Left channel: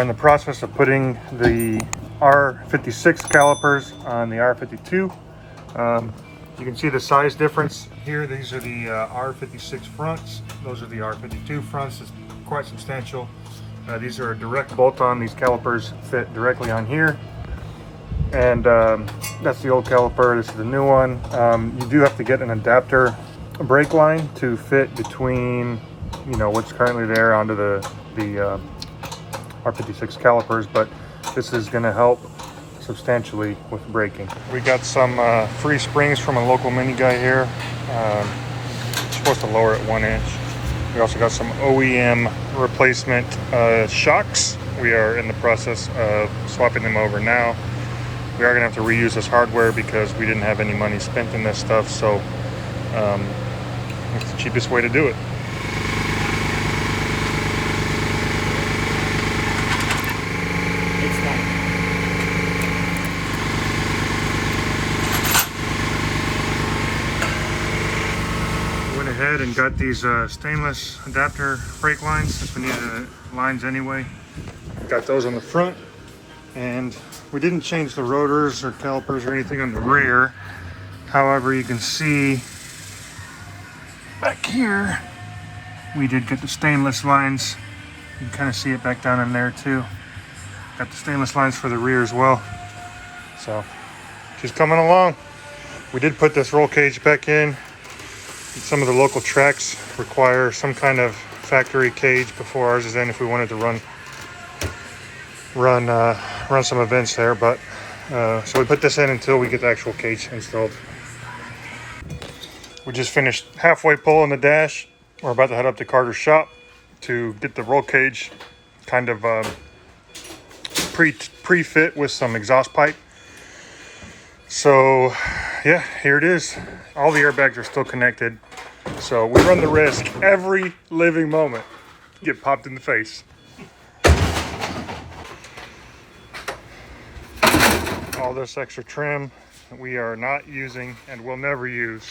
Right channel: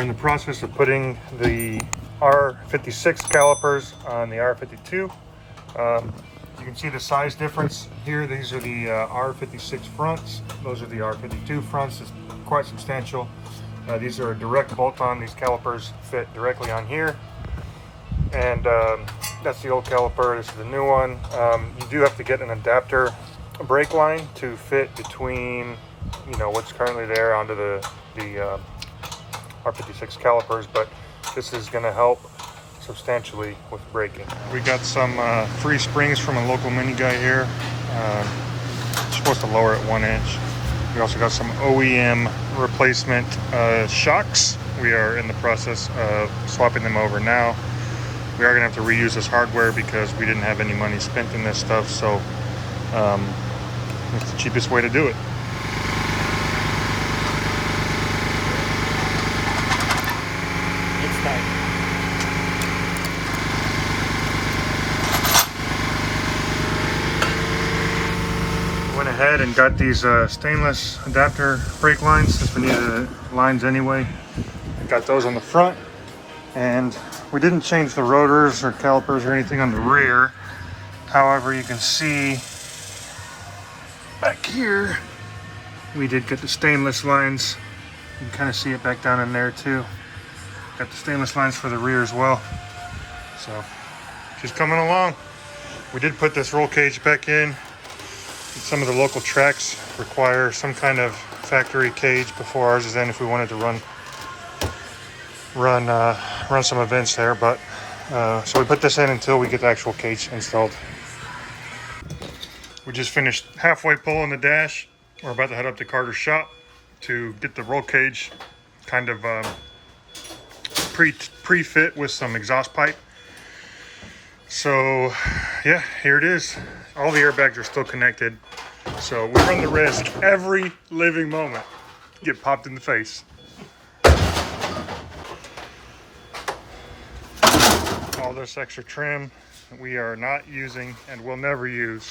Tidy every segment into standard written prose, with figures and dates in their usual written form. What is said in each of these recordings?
are in the process of putting the R56 calipers on the R52. You can see the size difference here. These are the R56 fronts. Those are the R52 fronts. It's quite substantial. These are a direct bolt-on. These calipers fit directly on here. And that's the old caliper. This is the new one. You do have to get an adapter brake line to fit between, you know, what's currently there onto the R56 calipers, but this is going to help substantially with braking. We got some free springs from a local mini guy here. Supposed to lower it 1 inch. We also got some OEM replacement shocks. We are in the process of swapping them over now. We are going to have to reuse this hardware because we didn't have any money spent in this stuff, so it's the cheapest way to do it. Ahead and got these stainless adapter brake lines since we needed the lines anyway. Got those on the front, and we didn't change the rotors or calipers or anything on the rear. However, you can see back here we did get the stainless lines. You can kind of see it back down in there too. Got the stainless lines for the rear as well, so just coming along. We did put this roll cage back in. Some of the local tracks require some kind of factory cage before ours is in if we wanted to run some events there, but so we put this in until we get the actual cage installed. We just finished halfway pulling the dash. We're about to head up to Carter's shop to get the roll cage kind of pre-fit with some exhaust pipe. So yeah, here it is. All the airbags are still connected, so we run the risk every living moment get popped in the face. All this extra trim that we are not using and will never use.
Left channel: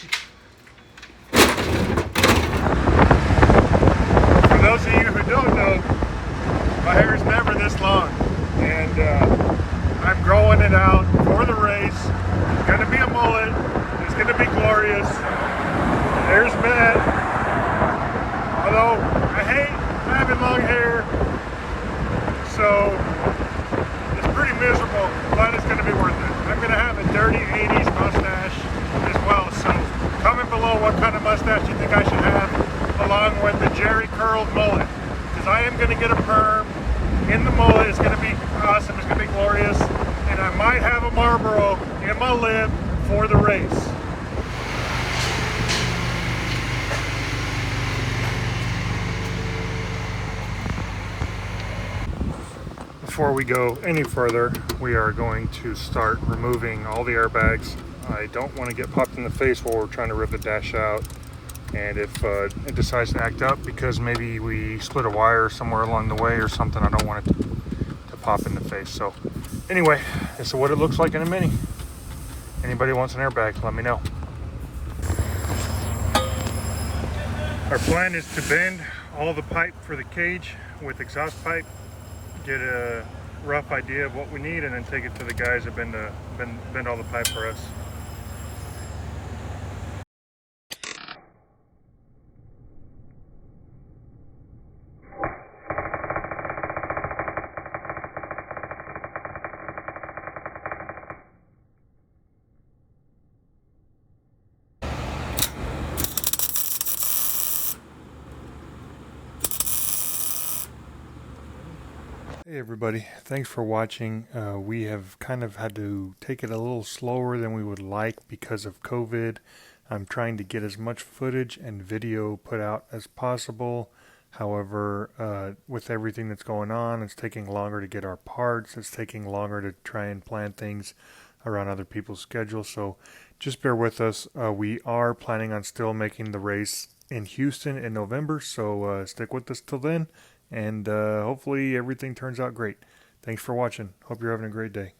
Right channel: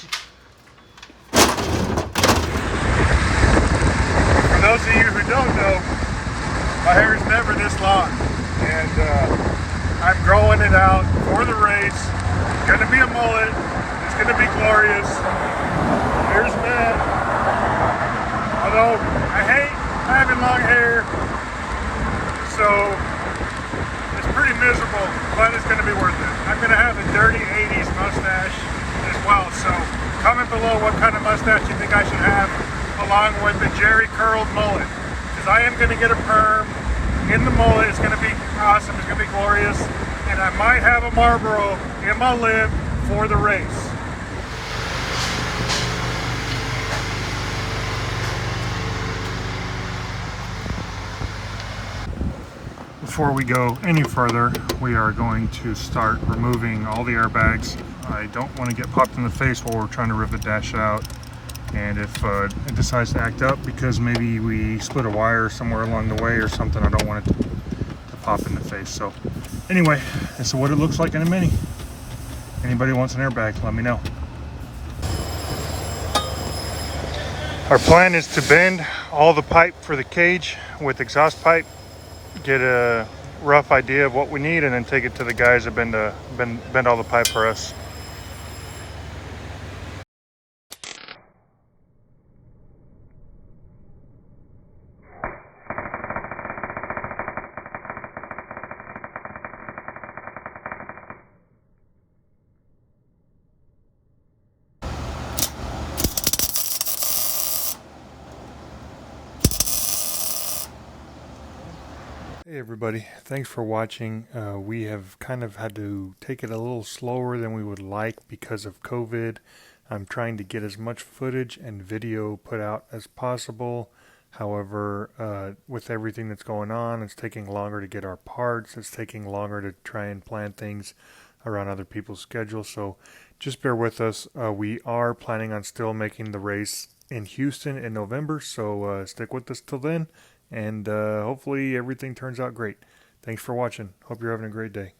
For those of you who don't know, my hair is never this long, and I'm growing it out for the race. It's gonna be a mullet. It's gonna be glorious. There's Matt. Although I hate having long hair, so it's pretty miserable, but it's gonna be worth it. I'm gonna have a dirty 80s mustache as well. So comment below what kind of mustache you think I should have, along with the Jerry curled mullet, because I am gonna get a perm in the mullet. It's gonna be awesome. It's gonna be glorious, and I might have a Marlboro in my lip for the race. Before we go any further, we are going to start removing all the airbags. I don't want to get popped in the face while we're trying to rip the dash out, and if it decides to act up because maybe we split a wire somewhere along the way or something, I don't want it to pop in the face. So anyway, this is what it looks like in a Mini. Anybody wants an airbag, let me know. Our plan is to bend all the pipe for the cage with exhaust pipe, get a rough idea of what we need, and then take it to the guys that bend all the pipe for us. Hey everybody, thanks for watching. We have kind of had to take it a little slower than we would like because of COVID. I'm trying to get as much footage and video put out as possible. However, with everything that's going on, it's taking longer to get our parts. It's taking longer to try and plan things around other people's schedules. So just bear with us. We are planning on still making the race in Houston in November. So stick with us till then. And hopefully everything turns out great. Thanks for watching. Hope you're having a great day.